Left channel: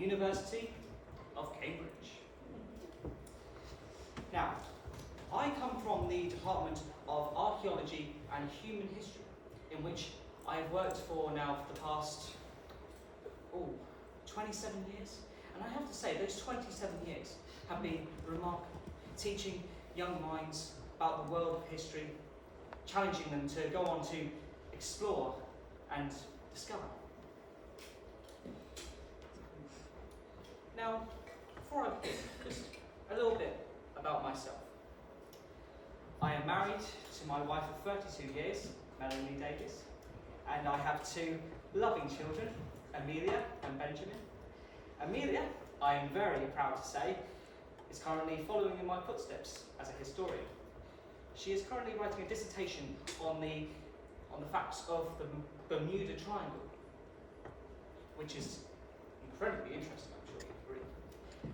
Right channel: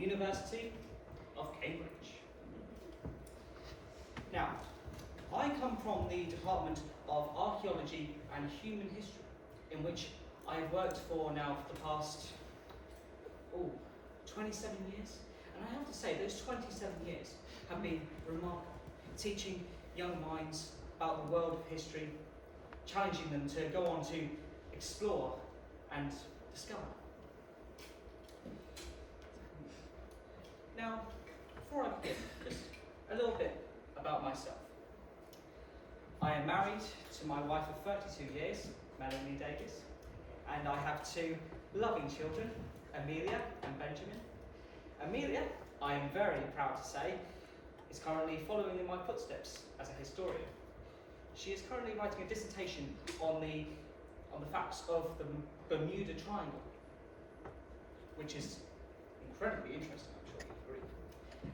University of Cambridge. Now, I come from the Department of Archaeology and Human History, in which I've worked for now for the past 27 years. And I have to say, those 27 years have been remarkable, teaching young minds about the world of history, challenging them to go on to explore and discover. Now, before I begin, just a little bit about myself. I am married to my wife of 32 years, Melanie Davis, and I have two loving children, Amelia and Benjamin. Amelia, I am very proud to say, is currently following in my footsteps as a historian. She is currently writing a dissertation on the facts of the Bermuda Triangle, which is incredibly interesting, I'm sure you agree.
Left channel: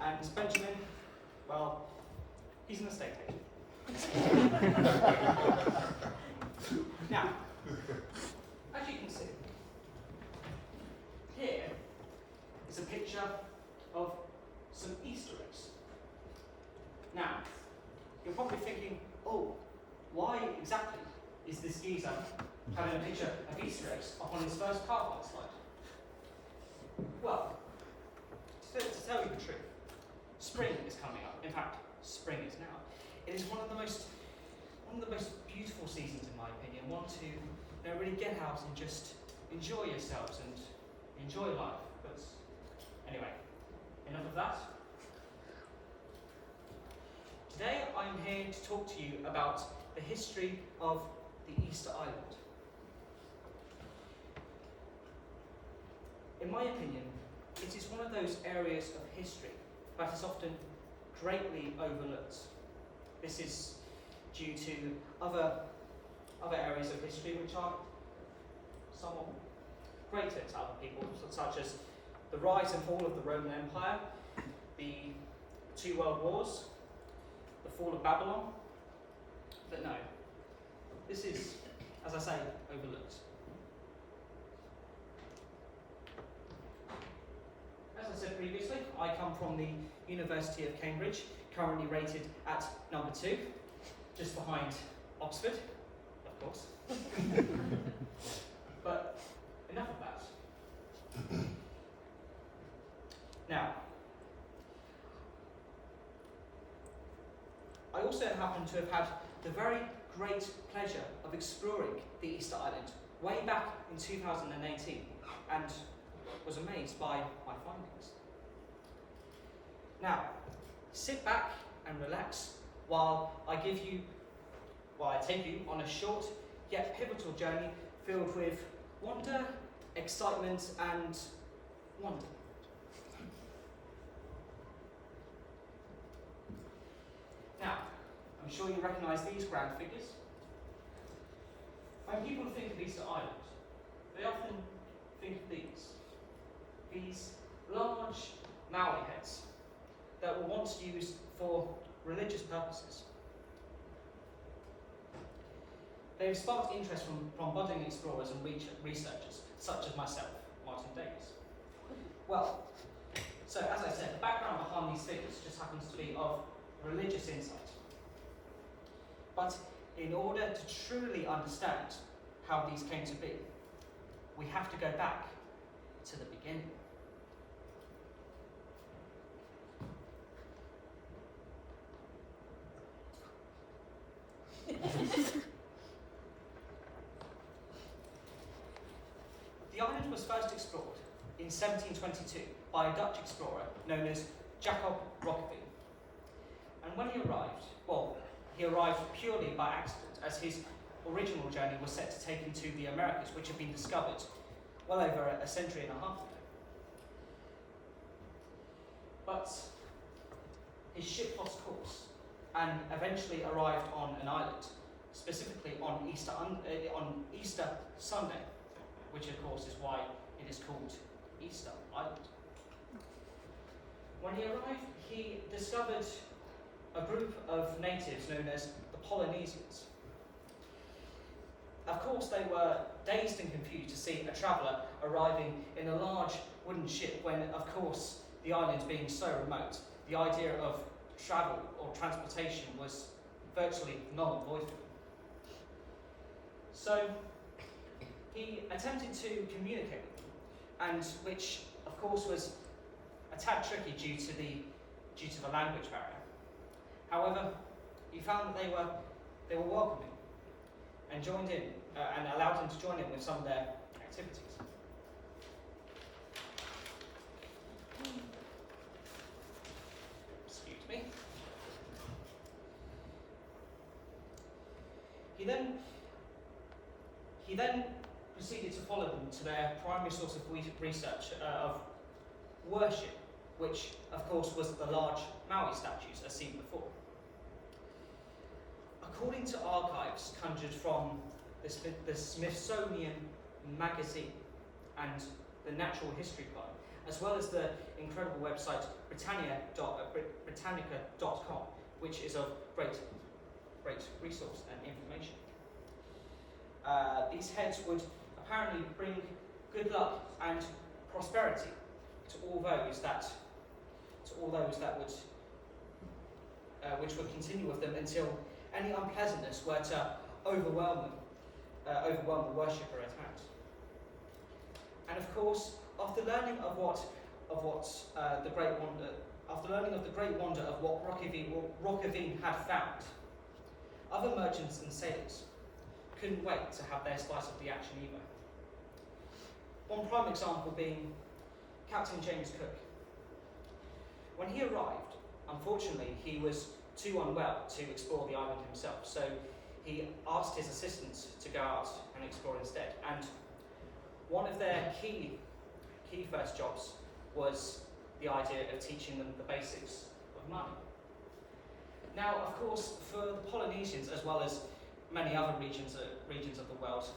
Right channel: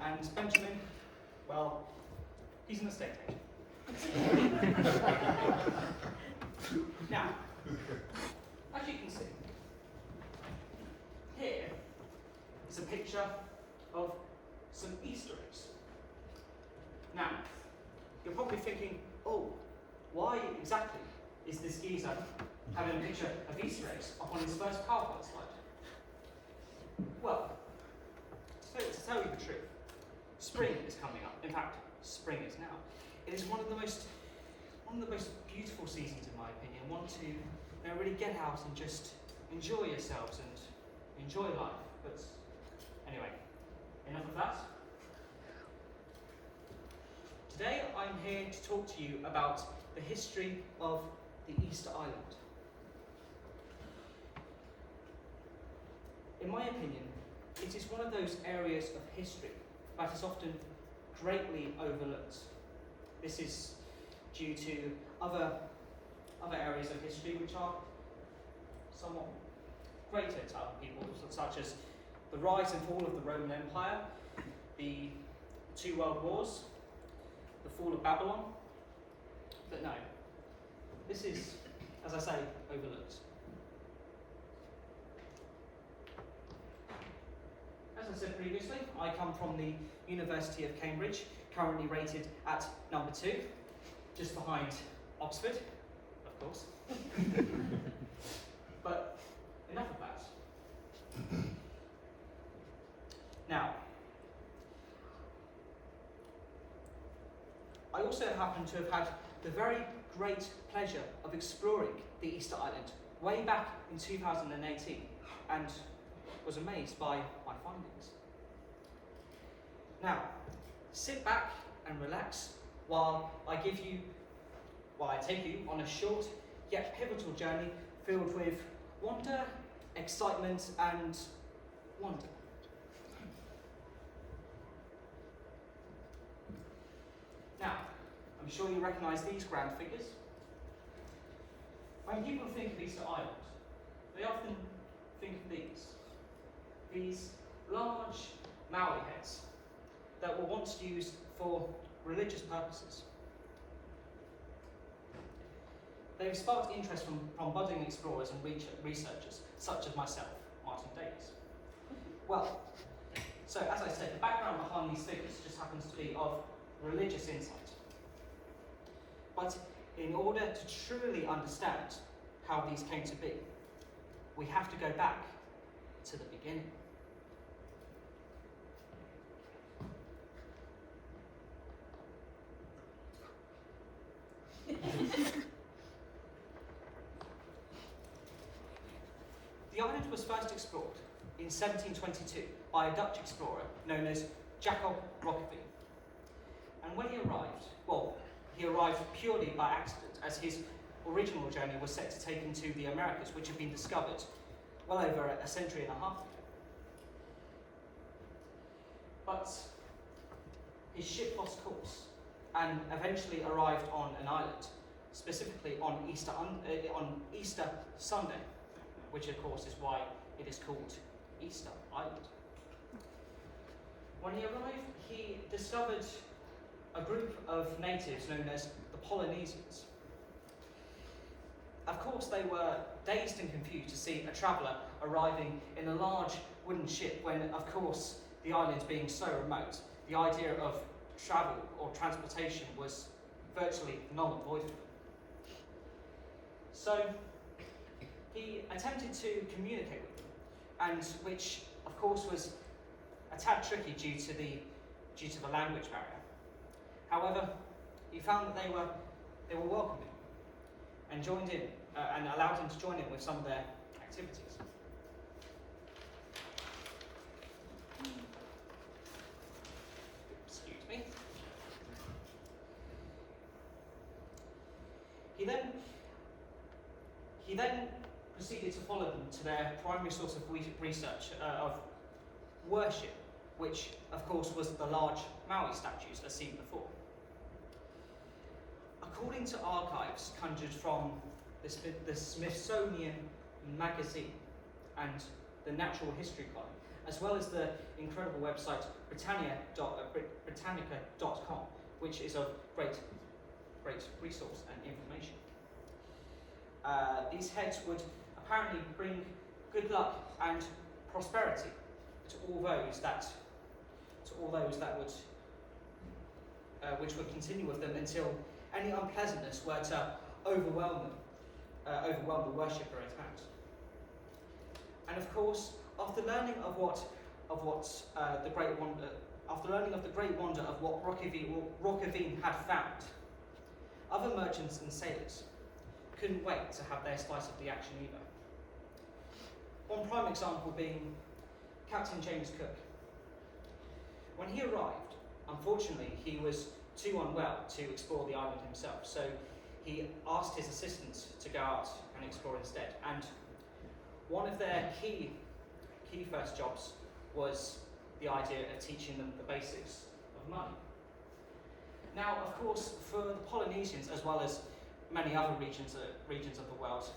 And Benjamin, well, he's an estate agent. Now, as you can see, here is a picture of some Easter eggs. Now, you're probably thinking, oh, why exactly is this geezer having a picture of Easter eggs up on his first PowerPoint slide? Well, to tell you the truth, spring is coming up. In fact, spring is now. It is one of the most beautiful seasons, in my opinion. One to really get out and just enjoy yourselves and enjoy life. But anyway, enough of that. Today I'm here to talk to you about the history of the Easter Island. In my opinion, it is one of those areas of history that is often greatly overlooked. This is due to other areas of history which are somewhat greater to other people, such as the rise and fall of the Roman Empire, the 2 World Wars, the fall of Babylon. But no, this is, as I say, overlooked. As I said previously, I come from the University of Cambridge, currently rated at number 2, just behind Oxford, of course. But enough of that. Now, I also happen to have had the very great pleasure of exploring the Easter Island way back in 2018 and was amazed by my findings. Now, sit back and relax while I take you on a short yet pivotal journey filled with wonder, excitement and wonder. Now, I'm sure you recognise these grand figures. When people think of Easter Island, they often think of these large Maori heads that were once used for religious purposes. They have sparked interest from budding explorers and researchers, such as myself, Martin Davis. Well, so as I said, the background behind these figures just happens to be of religious insight. But in order to truly understand how these came to be, we have to go back to the beginning. The island was first explored in 1722 by a Dutch explorer known as Jacob Roggeveen. And when he arrived purely by accident, as his original journey was set to take him to the Americas, which had been discovered well over a century and a half ago. But his ship lost course and eventually arrived on an island, specifically on Easter Sunday, which of course is why it is called Easter Island. When he arrived, he discovered a group of natives known as the Polynesians. Of course, they were dazed and confused to see a traveller arriving in a large wooden ship when, of course, the island being so remote, the idea of travel or transportation was virtually null and void for them. So he attempted to communicate with them, and which of course was a tad tricky due to the language barrier. However, he found that they were welcoming and joined in and allowed him to join in with some of their activities. Excuse me. He then proceeded to follow them to their primary source of research of worship, which of course was the large Maui statues as seen before. According to archives conjured from the Smithsonian Magazine and the Natural History Club, as well as the incredible website Britannica.com, which is of great resource and information. These heads would apparently bring good luck and prosperity to all those that would which would continue with them until any unpleasantness were to overwhelm the worshipper at hand. And of course, after learning of the great wonder of what Rockavine had found, other merchants and sailors couldn't wait to have their slice of the action either. One prime example being Captain James Cook. When he arrived, unfortunately, he was too unwell to explore the island himself, so he asked his assistants to go out and explore instead. And one of their key first jobs was the idea of teaching them the basics of money. Now, of course, for the Polynesians, as well as many other regions of the world,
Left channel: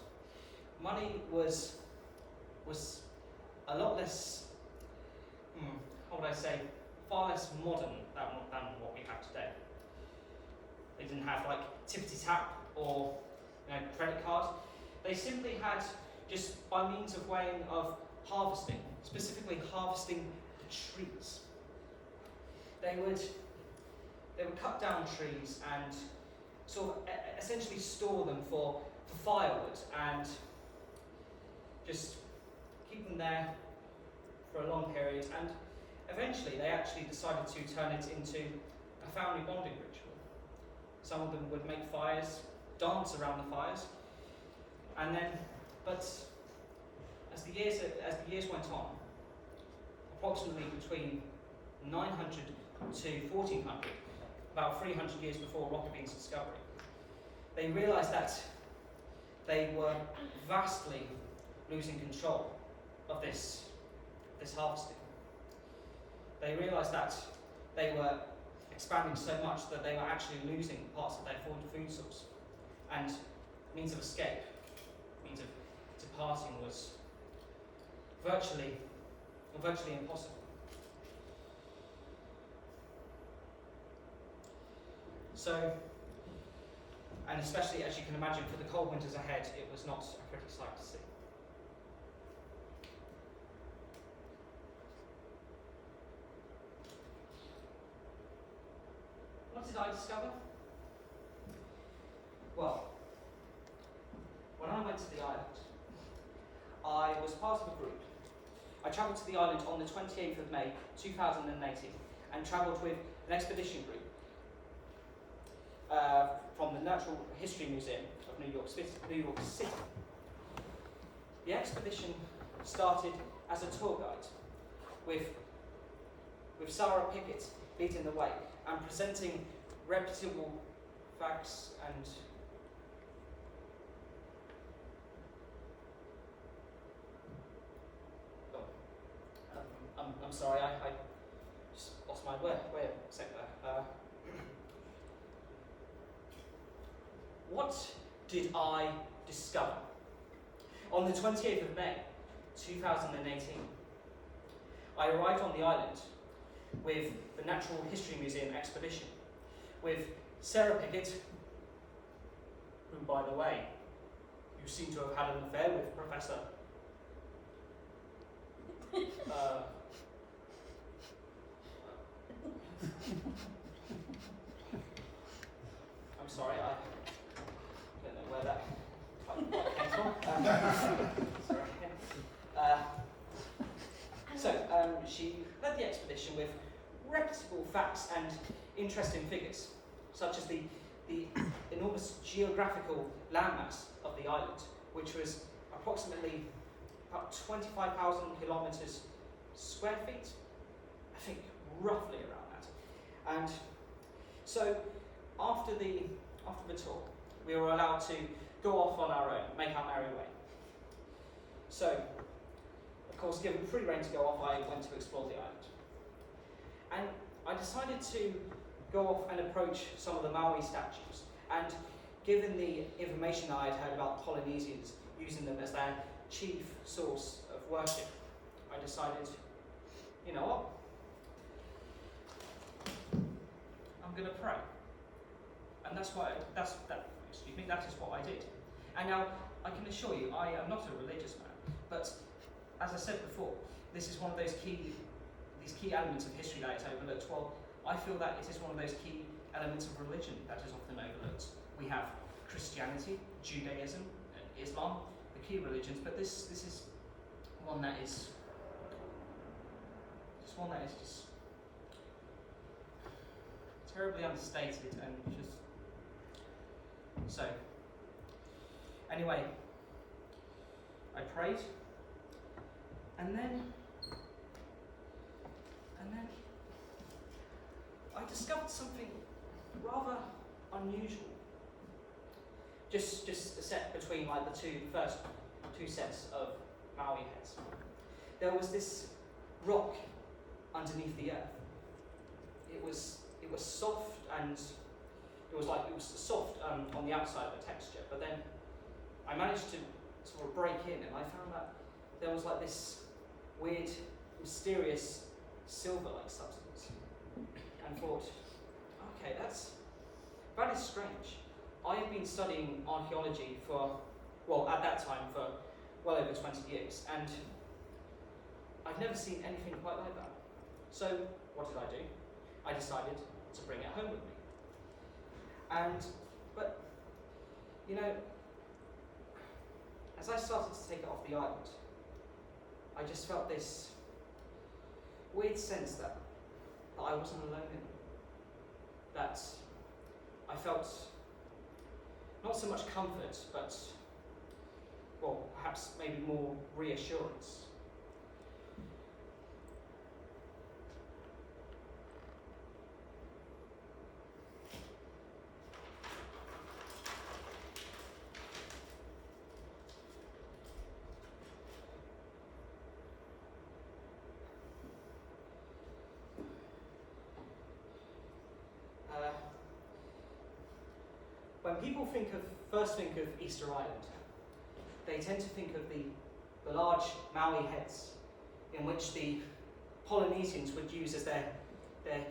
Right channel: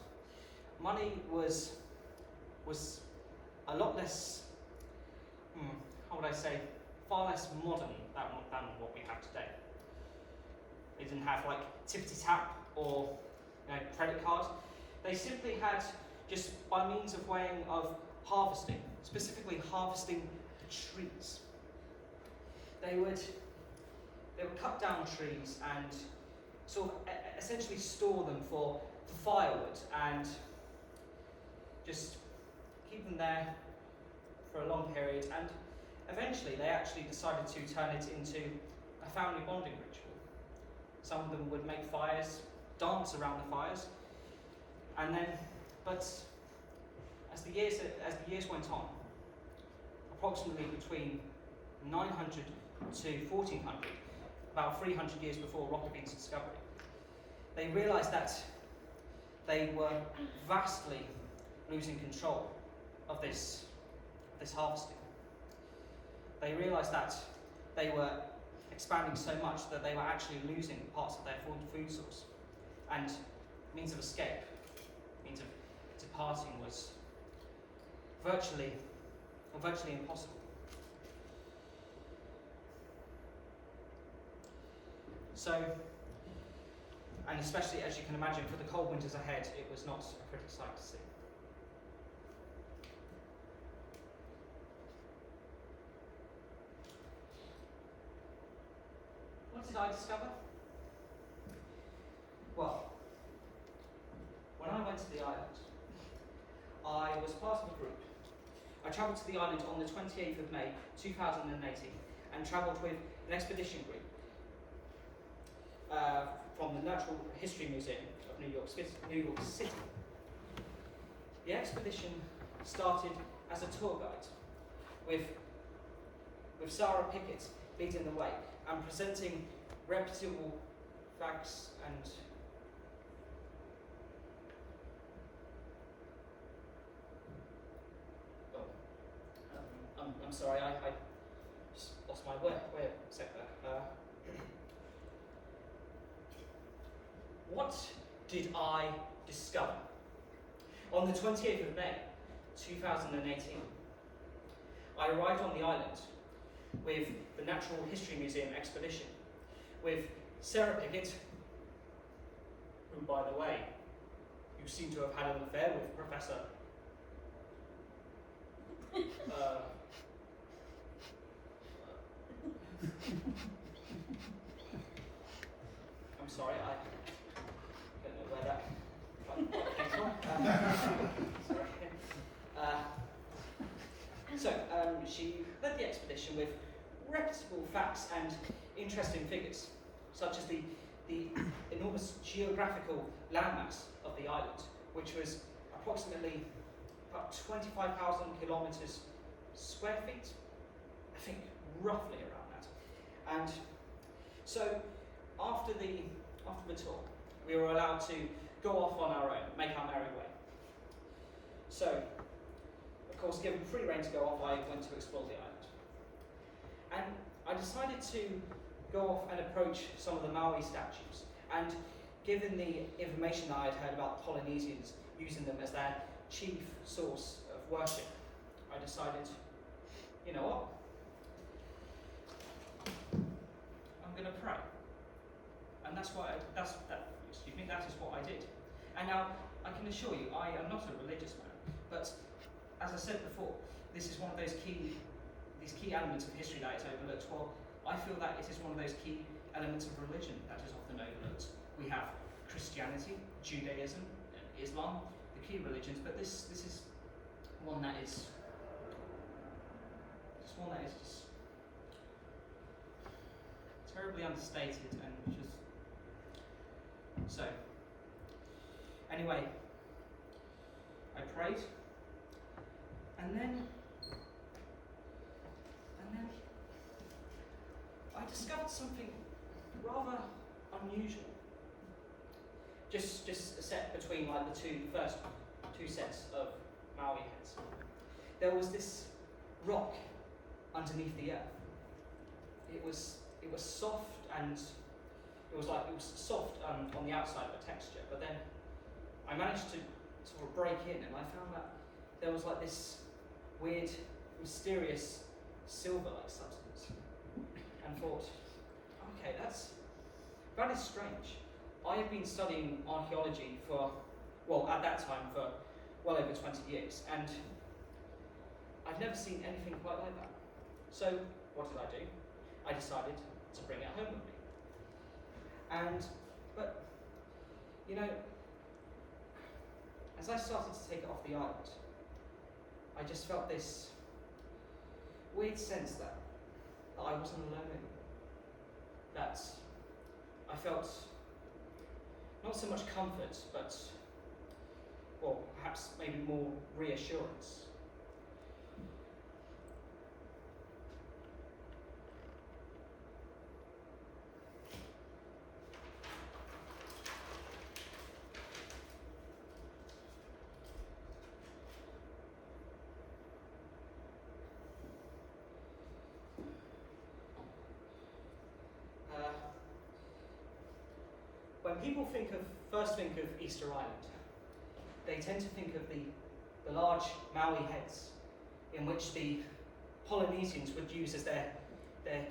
money was a lot less, how would I say, far less modern than what we have today. They didn't have like tippity-tap or credit card. They simply had, just by means of weighing of harvesting, specifically harvesting the trees. They would cut down trees and sort of essentially store them for firewood and just keep them there for a long period, and eventually they actually decided to turn it into a family bonding ritual. Some of them would make fires, dance around the fires, and then, but as the years went on, approximately between 900 to 1400, about 300 years before Rockabine's discovery, they realised that they were vastly losing control of this harvesting. They realised that they were expanding so much that they were actually losing parts of their food source, and means of escape, means of departing was virtually impossible. So, and especially as you can imagine, for the cold winters ahead, it was not a pretty sight to see. What did I discover? Well, when I went to the island, I was part of a group. I travelled to the island on the 28th of May 2018 and travelled with an expedition group from the Natural History Museum of New York City. The expedition started as a tour guide with Sarah Pickett leading the way and presenting reputable facts and I'm sorry, I just lost my word. Wait a sec there. What did I discover? On the 28th of May 2018, I arrived on the island with the Natural History Museum expedition, with Sarah Pickett, who, by the way, you seem to have had an affair with, Professor. I'm sorry, I don't know where that came from. Sorry. She led the expedition with reputable facts and interesting figures, such as the enormous geographical landmass of the island, which was approximately about 25,000 kilometres square feet, I think roughly around that. And so after the tour, we were allowed to go off on our own, make our merry way. So, of course, given free rein to go off, I went to explore the island. And I decided to go off and approach some of the Maui statues. And given the information I had heard about the Polynesians using them as their chief source of worship, I decided, you know what? I'm going to pray. And that is what I did. And now, I can assure you, I am not a religious man, but as I said before, this is one of these key elements of history that is overlooked. Well, I feel that it is one of those key elements of religion that is often overlooked. We have Christianity, Judaism, Islam, the key religions, but this is one that is just terribly understated and just so. Anyway, I prayed, and then I discovered something rather unusual. Just a set between like the first two sets of Maui heads. There was this rock underneath the earth. It was soft and it was soft on the outside of the texture, but then I managed to sort of break in and I found that there was like this weird, mysterious silver-like substance, and thought, okay, that is strange. I have been studying archaeology at that time for well over 20 years, and I've never seen anything quite like that. So what did I do? I decided to bring it home with me. But you know, as I started to take it off the island, I just felt this weird sense that I wasn't alone in it. That I felt not so much comfort, but, well, perhaps maybe more reassurance. When people first think of Easter Island, they tend to think of the large Maui heads in which the Polynesians would use as their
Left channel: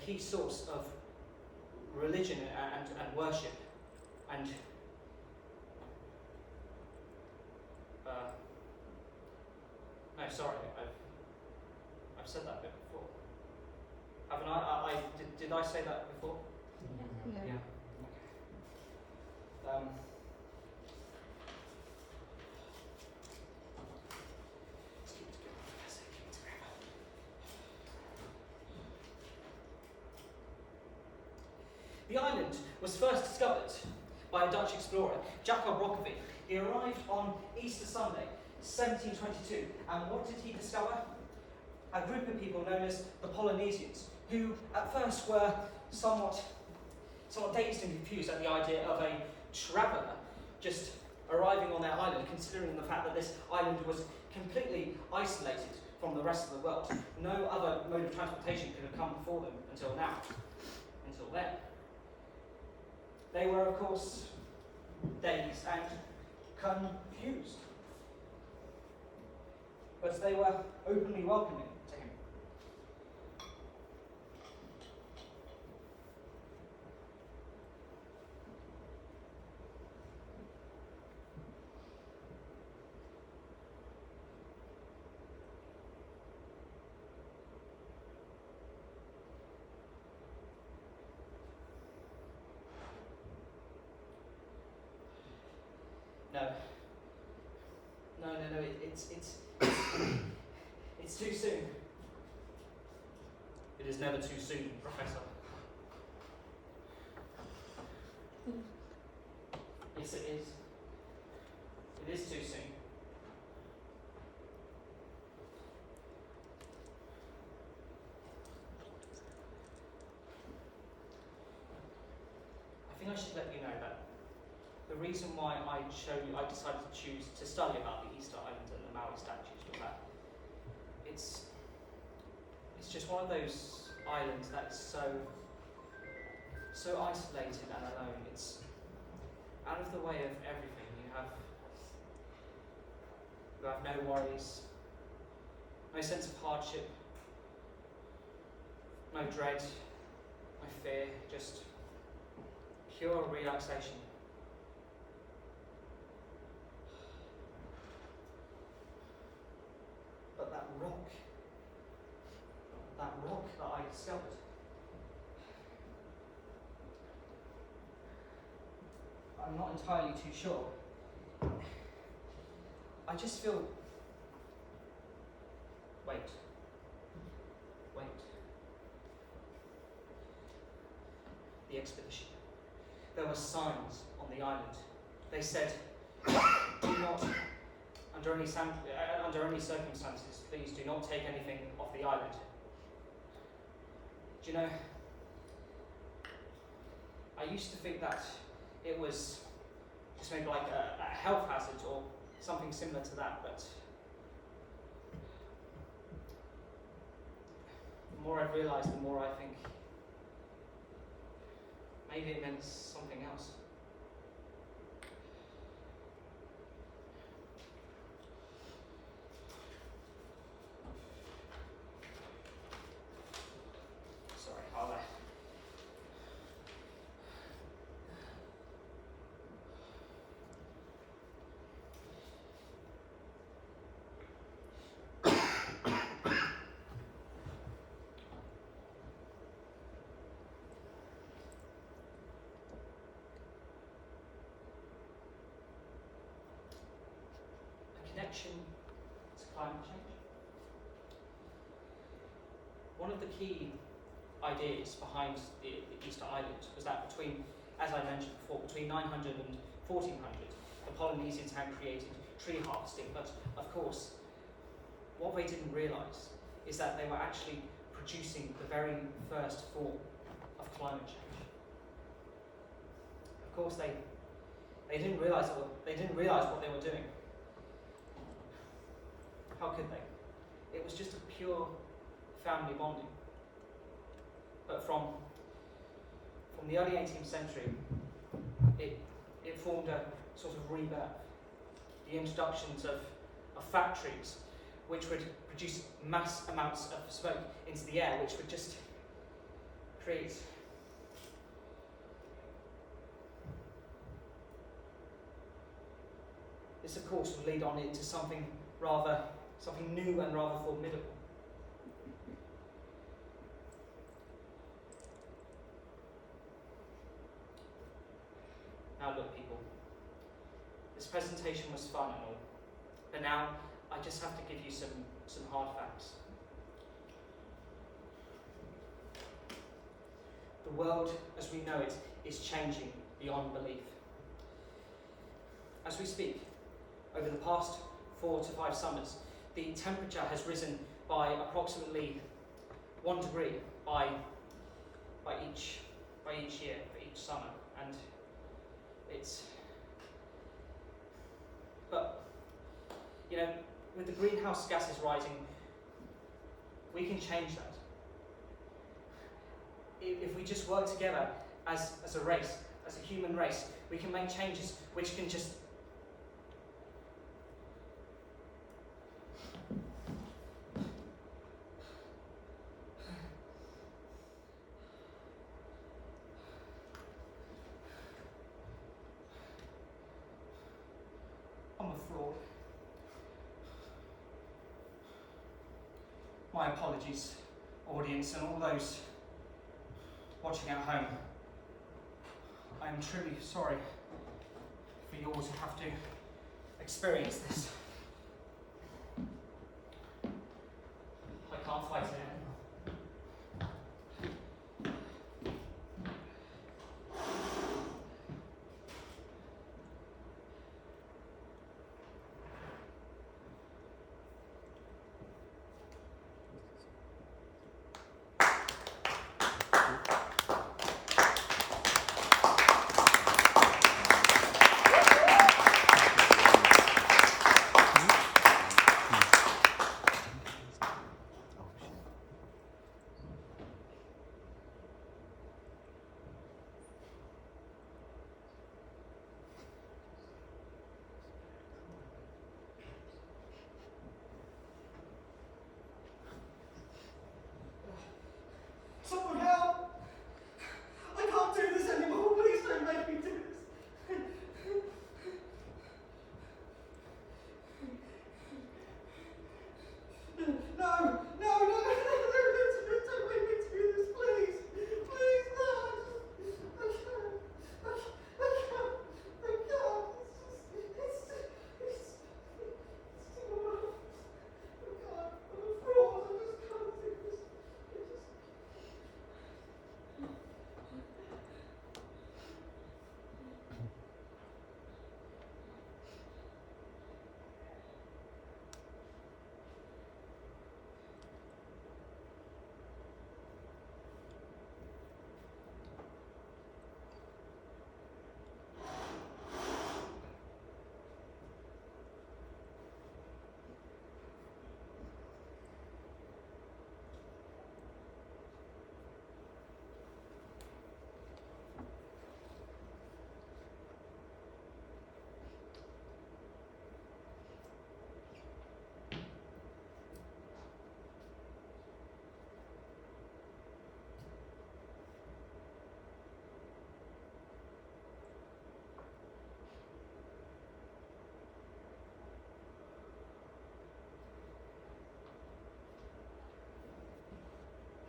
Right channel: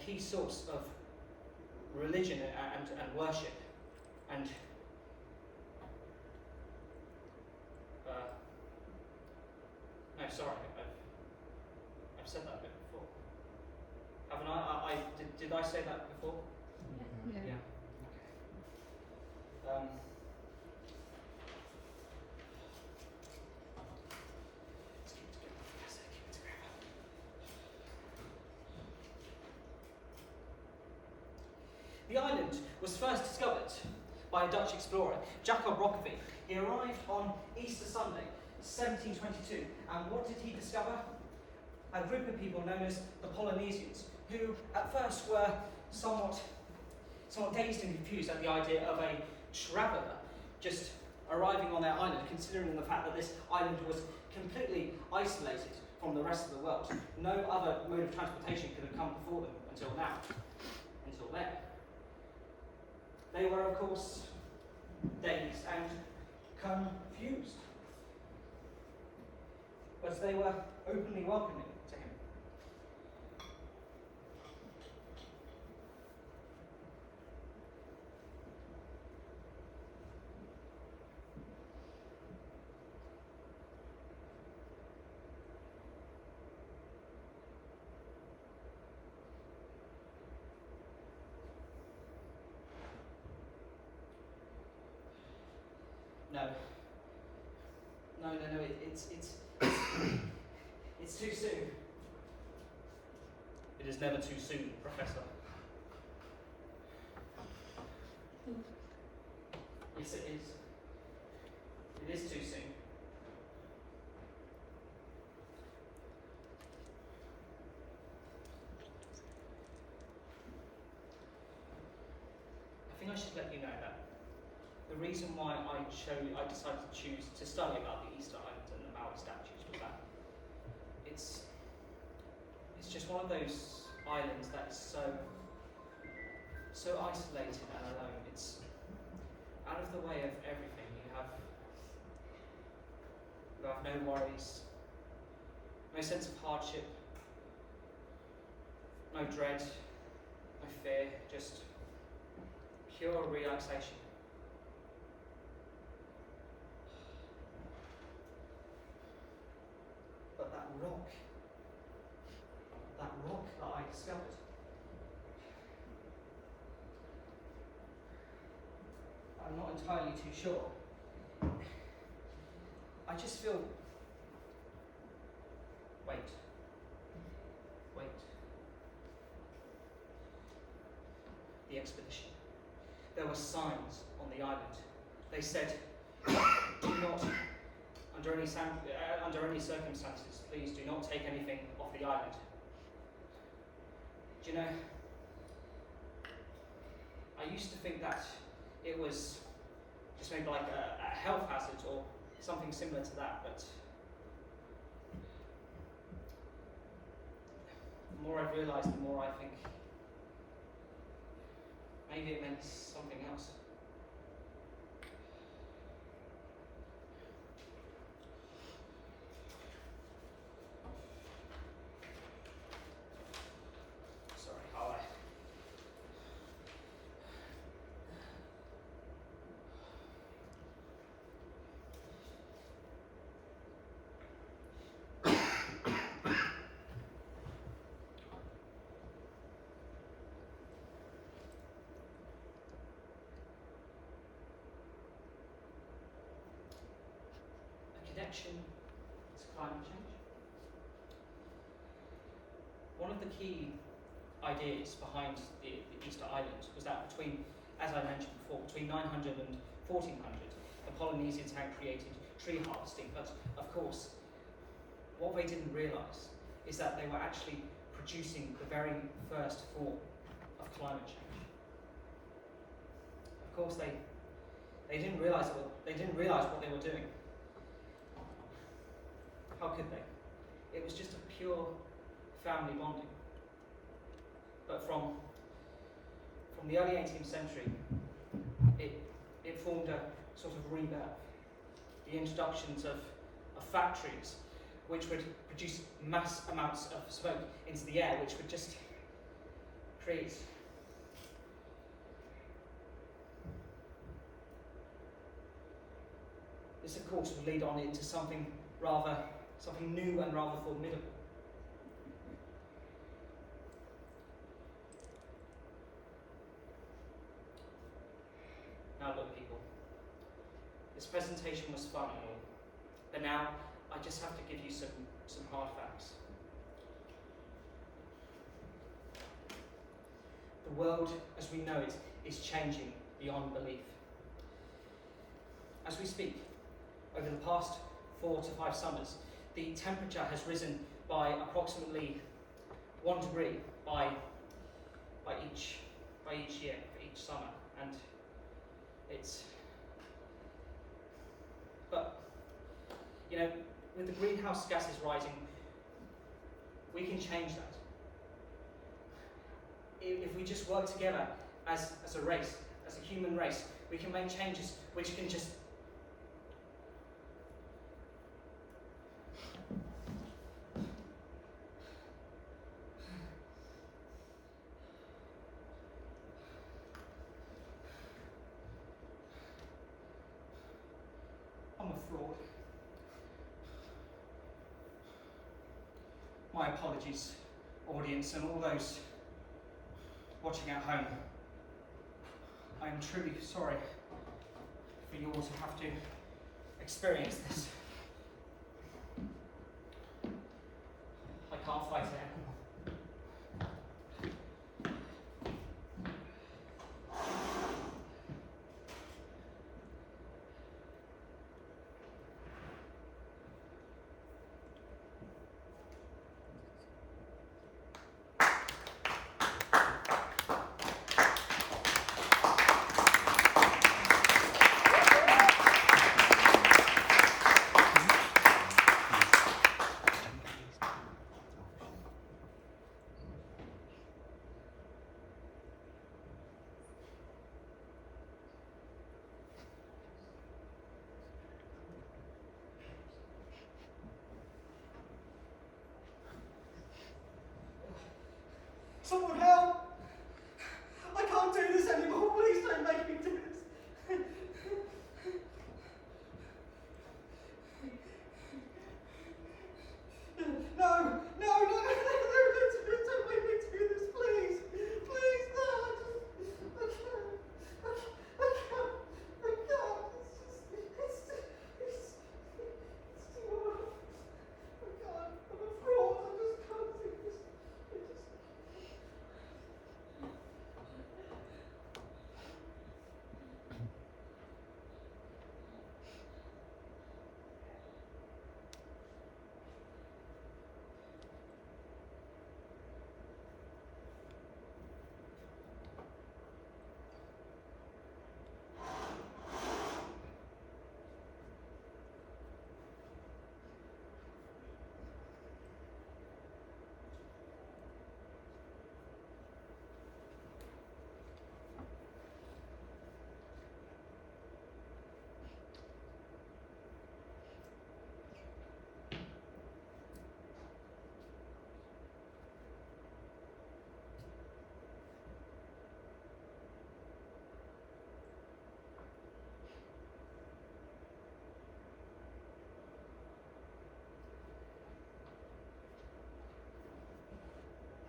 key source of religion and worship. And no, sorry, I've said that bit before. Haven't I? Did I say that before? Yeah. The island was first discovered by a Dutch explorer, Jacob Roggeveen. He arrived on Easter Sunday, 1722, and what did he discover? A group of people known as the Polynesians, who at first were somewhat dazed and confused at the idea of a traveller just arriving on their island, considering the fact that this island was completely isolated from the rest of the world. No other mode of transportation could have come before them until then. They were, of course, dazed and confused, but they were openly welcoming to him. It's too soon. It is never too soon, Professor. Yes, it is. It is too soon. I think I should let you know that the reason why I decided to choose to study about the Easter Island and the Maui statues was that it's just one of those islands that is so isolated and alone. It's out of the way of everything. You have no worries, no sense of hardship, no dread, no fear, just pure relaxation. But that rock that I discovered, I'm not entirely too sure. I just feel. Wait. The expedition. There were signs on the island. They said, "Do not, under any circumstances, please do not take anything off the island." Do you know? I used to think that it was just maybe like a health hazard or something similar to that, but the more I've realised, the more I think maybe it meant something else. Sorry, how connection to climate change. One of the key ideas behind the Easter Island was that between, as I mentioned before, between 900 and 1400, the Polynesians had created tree harvesting, but of course, what they didn't realise is that they were actually producing the very first form of climate change. Of course, they didn't realise what they were doing. How could they? It was just a pure family bonding. But from the early 18th century, it formed a sort of rebirth. The introductions of factories, which would produce mass amounts of smoke into the air, which would just create this, of course, would lead on into something new and rather formidable. Now look, people, this presentation was fun and all, but now I just have to give you some hard facts. The world as we know it is changing beyond belief. As we speak, over the past 4 to 5 summers, the temperature has risen by approximately 1 degree by each year, for each summer, and but you know, with the greenhouse gases rising, we can change that. If we just work together as a race, as a human race, we can make changes which can just I'm a fraud. My apologies, audience, and all those watching at home. I am truly sorry for you all to have to experience this. Someone help! I can't do this anymore. Please don't make me do this. No, no, no, don't make me do this, please. Please, no, I can't. It's too hard. I can't. I'm a fraud. I just can't do this.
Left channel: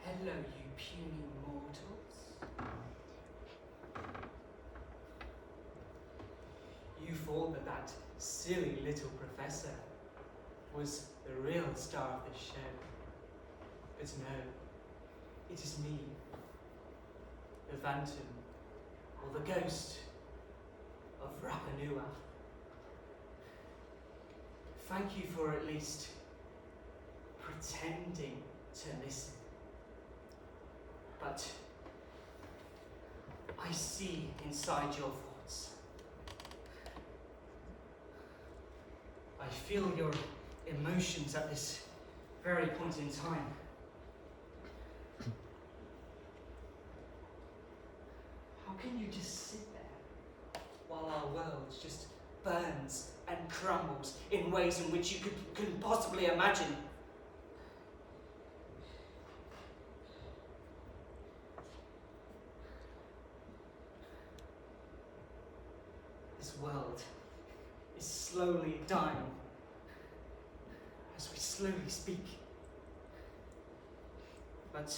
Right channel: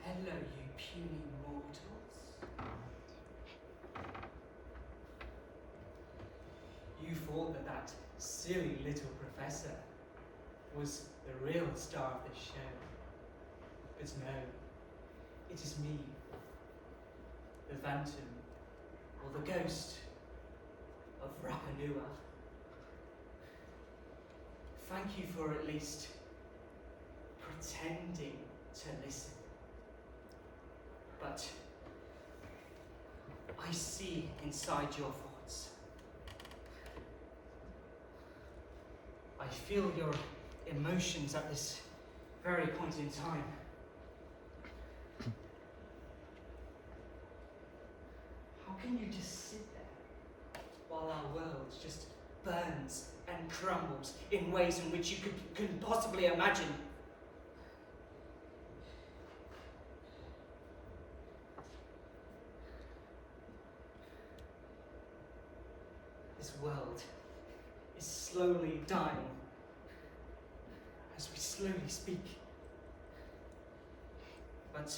Hello, you puny mortals. You thought that silly little professor was the real star of the show. But no, it is me, the phantom, or the ghost of Rapa Nui. Thank you for at least pretending to listen. But I see inside your thoughts. I feel your emotions at this very point in time. How can you just sit there while our world just burns and crumbles in ways in which you couldn't possibly imagine? This world is slowly dying as we slowly speak. But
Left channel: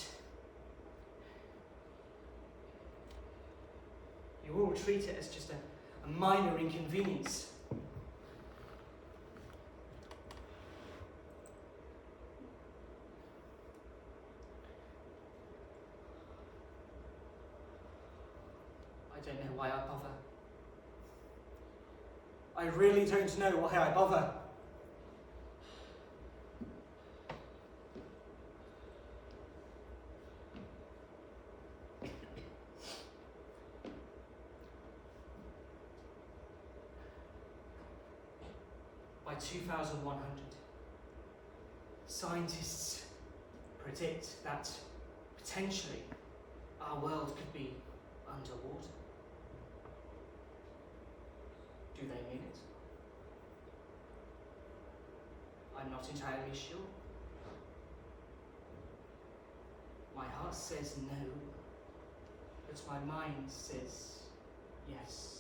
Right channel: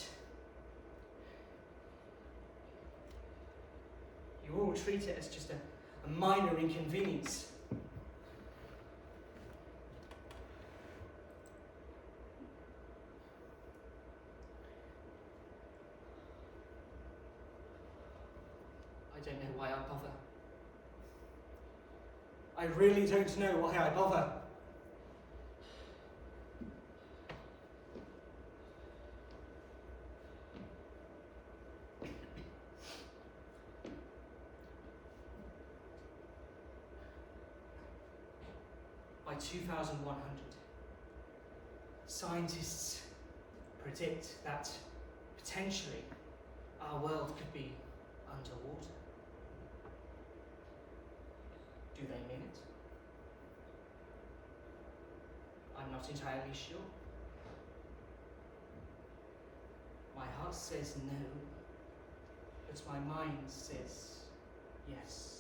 you all treat it as just a minor inconvenience. I don't know why I bother. I really don't know why I bother. By 2100, scientists predict that potentially our world could be underwater. Do they mean it? I'm not entirely sure. My heart says no, but my mind says yes.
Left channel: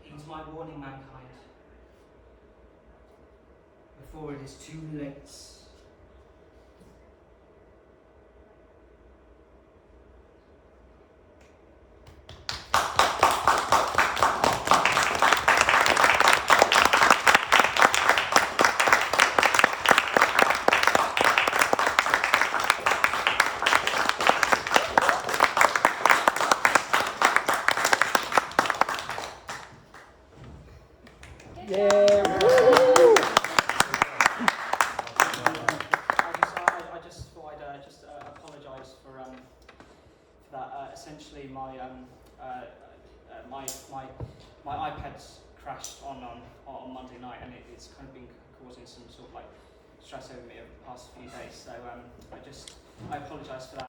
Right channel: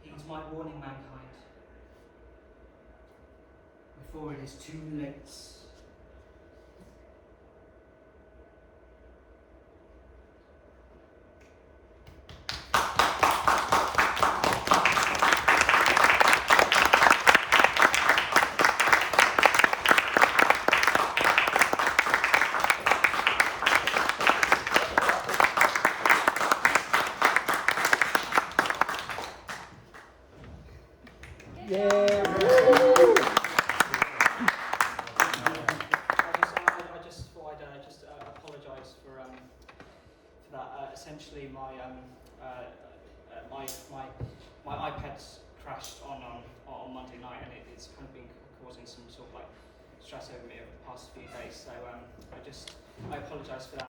Heed my warning, mankind, before it is too late. I just thought I'd just apologise for that. Essentially, my iPad's crashed on Monday night, and it's kind of been causing some sort of like stress over me over the past few days. So I just I apologise for that.